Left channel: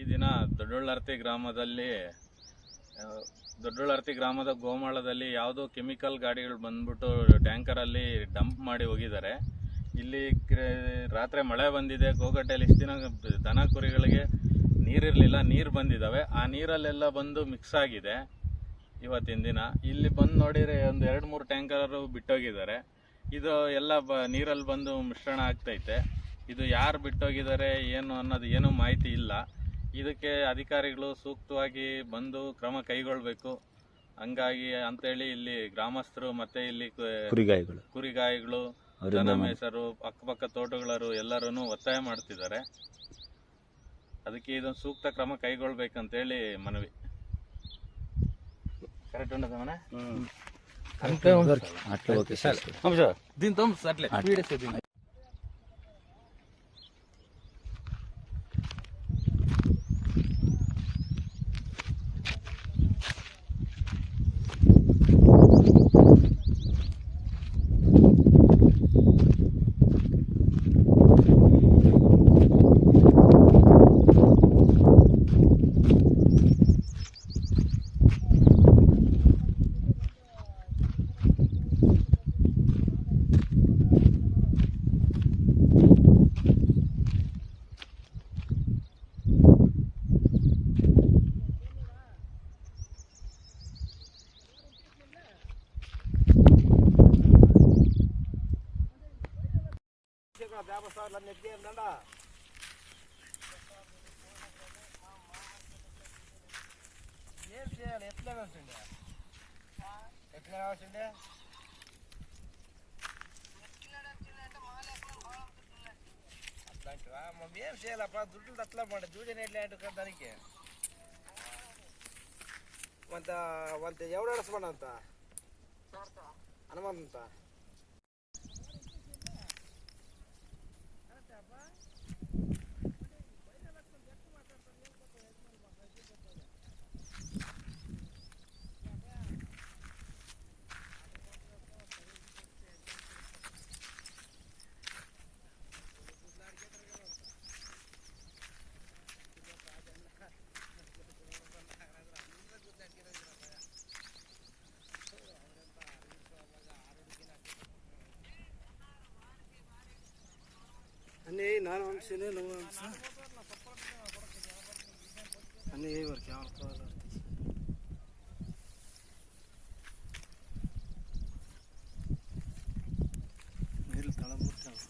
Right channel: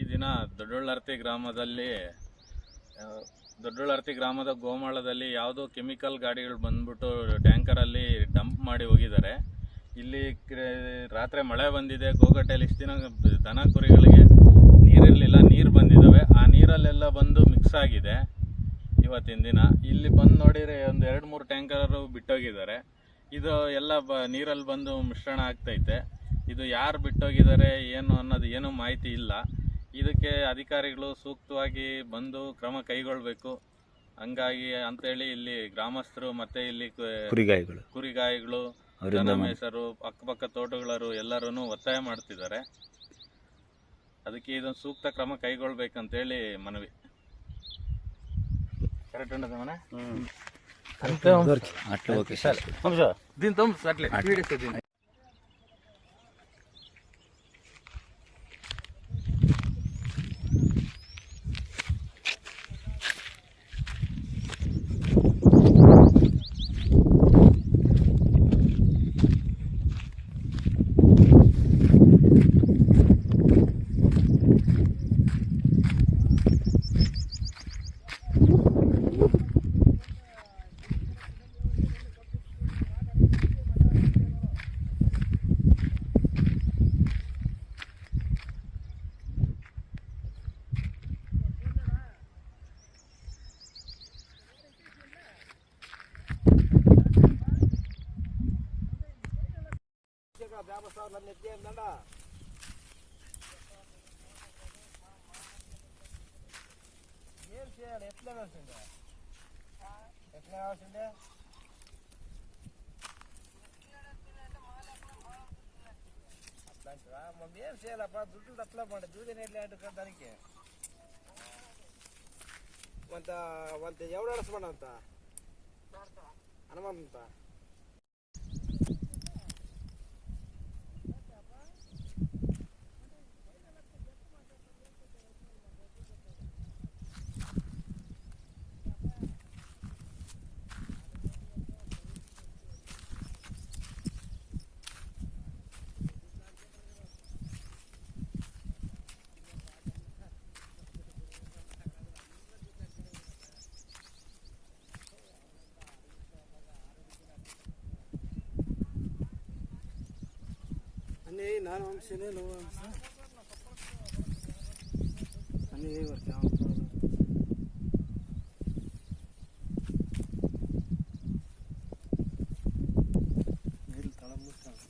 ಈ ದಿನ ದೊಡ್ಡಳ್ಳರ್ತಿ ಗ್ರಾಮದಲ್ಲಿ ದೊಡ್ಡಳ್ಳರ್ತಿ ಗ್ರಾಮದ ಗೋಮಾಳದಲ್ಲಿ ಯಾವುದೋ ಕೆಮಿಕಲ್ ಗಾಡಿಗಳು ಬಂದ್ಬಿಟ್ಟು ಟ್ಯಾಂಕರಲ್ಲಿ ಡಂಪ್ ಮಾಡಿ ಹೋಗಿದ್ದಾರೆ. ಇಲ್ಲಿ ರಾತ್ರಿ ಮಳೆ ಬಂದಿದೆ. ಗೋಗಟ್ಟೆಯಲ್ಲಿ ಇಷ್ಟು ದಿನ ದನ ಕುರಿಗಳಿಗೆ ನೀರಿರಲಿಲ್ಲ, ನೀರು ಬಂದಿದ್ದಾವೆ. ಆ ನೀರಲ್ಲೆಲ್ಲ ಬಂದು ಮಿಕ್ಸ್ ಆಗಿದೆ. ಇವತ್ತಿನ ದಿನ ಇಲ್ಲಿ ಬಂದು ನೋಡಿದರೆ ಒಂದು 2-3 ಟ್ಯಾಂಕರು ಬಿಟ್ಟೋಗಿದ್ದಾರೆ. ಇದು ಎಲ್ಲ ನೀರಲ್ಲಿ ಬಂದು ಮಿಶ್ರಣ ಆಗ್ತೈತೆ. ಇದು ಯಾರು ಬಿಟ್ಟೋಗಿದ್ದಾರೆ ಏನು ಅನ್ನೋದು ಏನೂ ಮಾಹಿತಿ ಇಲ್ಲ. ಇದಕ್ಕೆ ಅಧಿಕಾರಿಗಳು ಸೂಕ್ತವಾಗಿ ಬಂದು ಕ್ರಮ ಕೈಗೊಳ್ಳಬೇಕು. ಹಂಗಾಗಿ ಅಂತೇಳಿ ಇಲ್ಲಿ ಗ್ರಾಮಸ್ಥರು ಮತ್ತು ಇಲ್ಲಿ ಕುರಿಗಾಯಿಗಳು ದನ ಮೇಸರು, ಅಕ್ಕಪಕ್ಕ ತೋಟಗಳರು ಎಲ್ಲರೂ ಒತ್ತಾಯ ಮಾಡ್ತಿದ್ದಾರೆ. ಅದಕ್ಕೆ ಇದೊಂದು ಸೂಕ್ತ ಕ್ರಮ ಕೈಗೊಳ್ಬೇಕಂತೇಳಿ ಮನವಿ. ಕರೆಕ್ಟ್ ಉಂಟದ ಮನೆ దీంతో ఎట్లా కావాల్సిండే అట్లాంటివా మనం ఏం చేయాలప్ప? దుడ్డు అట్లా మాట దుడ్డు ఎట్లా దానికి వంత ఎవడేడసమన్న అంత హనుమంత అన్నీ నాలుగు అంశాలు నువ్వు అంశ అన్నీ వరకు నీళ్ళు తడబుట్టాలి.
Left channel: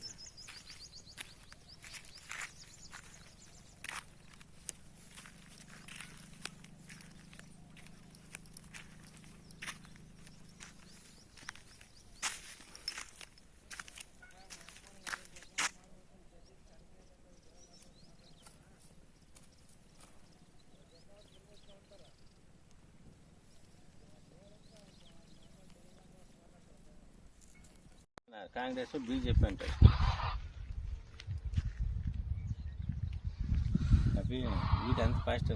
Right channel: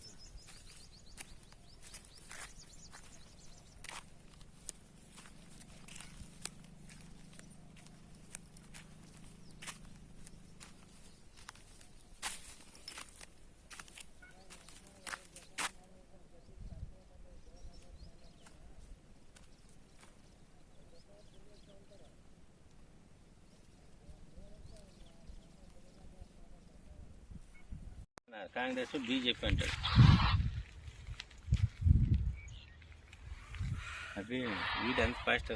కాంగ్రెస్ బీజేపీ అంటాడు. అవి వీటంత ఫాస్ట్